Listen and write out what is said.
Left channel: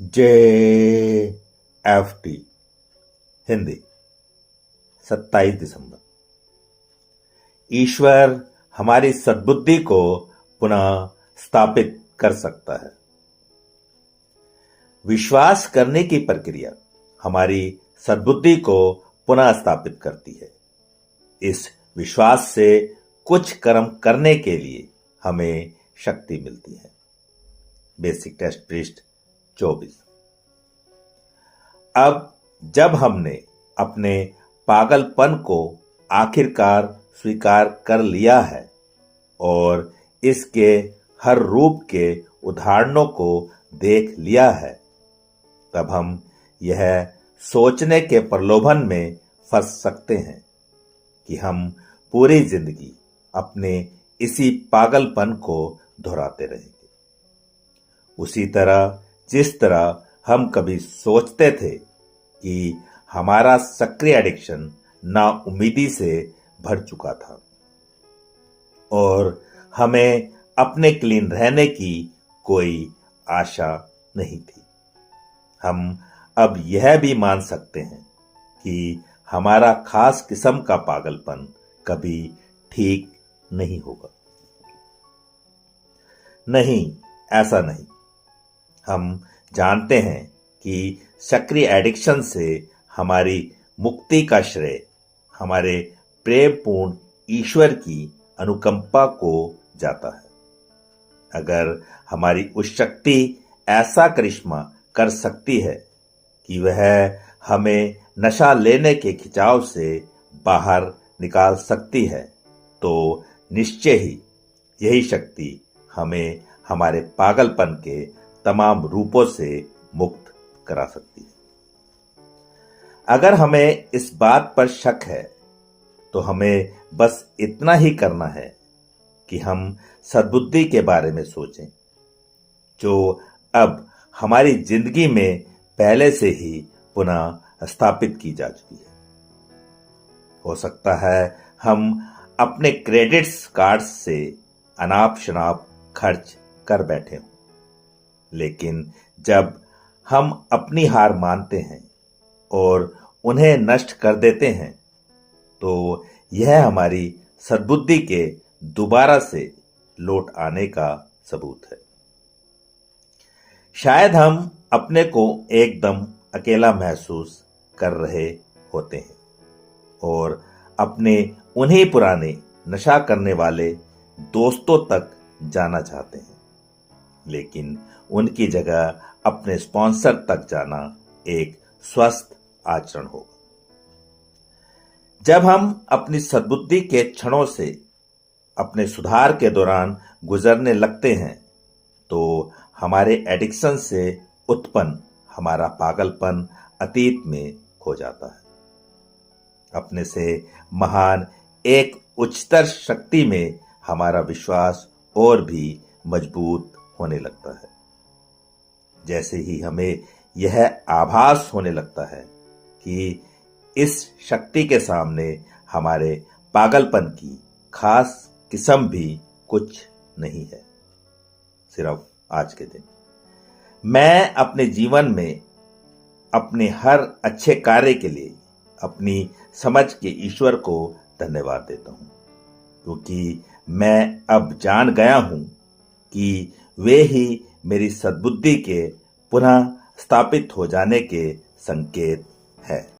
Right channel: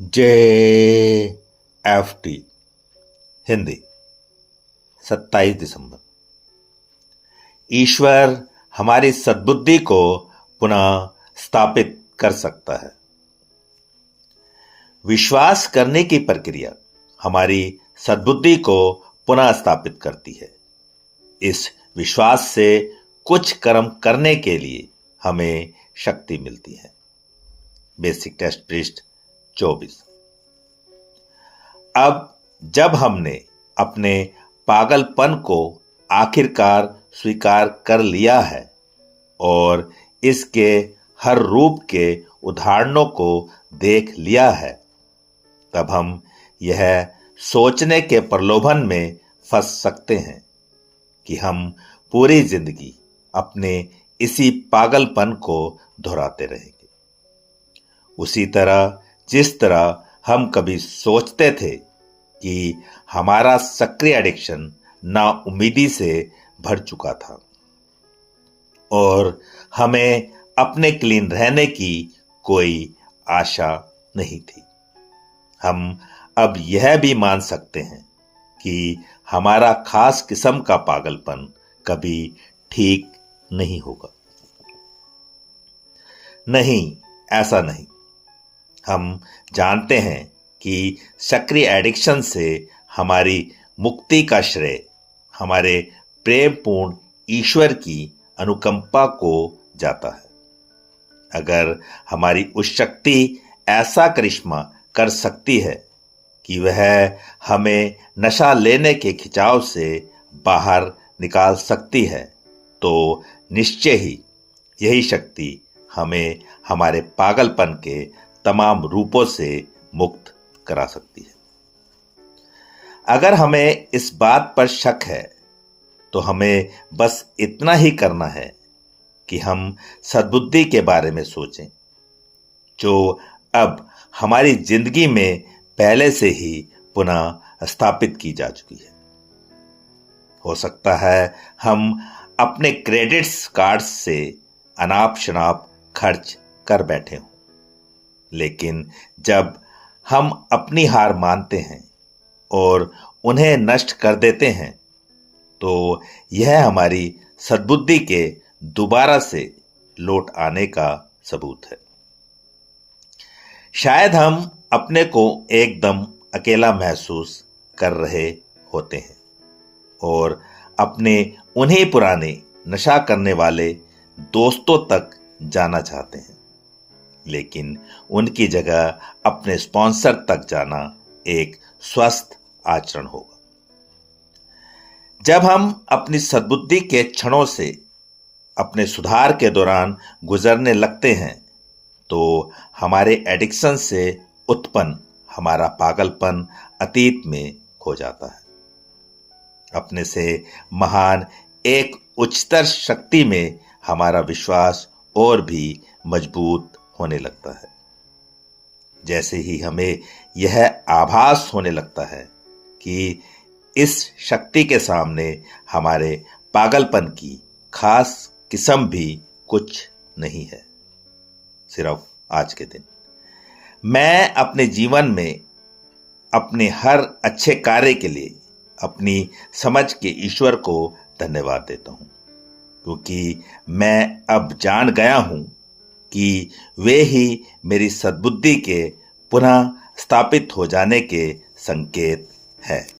JFT Hindi 27 दिसंबर। ईश्वर हमारी सद्बुद्धि को पुनः स्थापित कर सकता है। विश्वास करने की प्रक्रिया हमारी सद्बुद्धि को पुनः स्थापित करती है। इस विश्वास से कुछ कर्म करने के लिए हमें शक्ति मिलती है। बेसिक टेस्ट पृष्ठ 24। अब जब हमने अपने पागलपन को आखिरकार स्वीकार कर लिया है और इसके हर रूप के उदाहरणों को देख लिया है, तब हम यह सोचने के प्रलोभन में फंस सकते हैं कि हम पूरी जिंदगी अपने इसी पागलपन को दोहराते रहेंगे। उसी तरह जिस तरह हम कभी सोचते थे कि हमारा सक्रिय एडिक्शन नाउम्मीदी से भर चुका था और हमें अपने क्लीन रहने की कोई आशा नहीं थी, हम अब यह भी मान सकते हैं कि हमारा खास किस्म का पागलपन कभी ठीक नहीं होगा। नहीं, ऐसा नहीं। हम जानते हैं कि सक्रिय एडिक्शन से हमारी मुक्ति का श्रेय हमारे प्रेमपूर्ण ईश्वर की अनुकंपा को जाता है। अगर हमारी उस शक्ति ऐसा करिश्मा कर सकती है कि वह हमें नशा लेने के खिंचाव से बाहर निकाल सकती है, तो निश्चय ही यही शक्ति हमें हमारे पागलपन के तमाम रूपों से मुक्त करा सकती है। अगर हमें इस बात पर शक है, तो हमें बस इतना ही करना है कि हम सद्बुद्धि के बारे में सोचें, जो अब हमारी जिंदगी में पहले से ही पुनः स्थापित की जा चुकी है। हो सकता है हम अपने क्रेडिट्स कार्ड्स से अनाप शनाप खर्च कर बैठे हों, लेकिन जब हम अपनी हार मानते हैं और उन्हें नष्ट कर देते हैं, तो यह हमारी सद्बुद्धि के दोबारा से लौट आने का सबूत है। शायद हम अपने को एकदम अकेला महसूस कर रहे होते हैं और अपने उन्हीं पुराने नशा करने वाले दोस्तों तक जाना चाहते हैं, लेकिन उनकी जगह अपने स्पॉन्सर तक जाना एक स्वस्थ आचरण होगा। जब हम अपनी सद्बुद्धि के क्षणों से अपने सुधार के दौरान गुजरने लगते हैं, तो हमारे एडिक्शन से उत्पन्न हमारा पागलपन अतीत में खो जाता है। अपने से महान एक उच्चतर शक्ति में हमारा विश्वास और भी मजबूत होने लगता है। जैसे ही हमें यह आभास होने लगता है कि इस शक्ति के सामने हमारे पागलपन की खास किस्म भी कुछ नहीं है, सिर्फ आज के दिन मैं अपने जीवन में अपने हर अच्छे कार्य के लिए अपनी समझ के ईश्वर को धन्यवाद देता हूँ, क्योंकि मैं अब जान गया हूँ कि वे ही मेरी सद्बुद्धि के पुनः स्थापित हो जाने के संकेत है।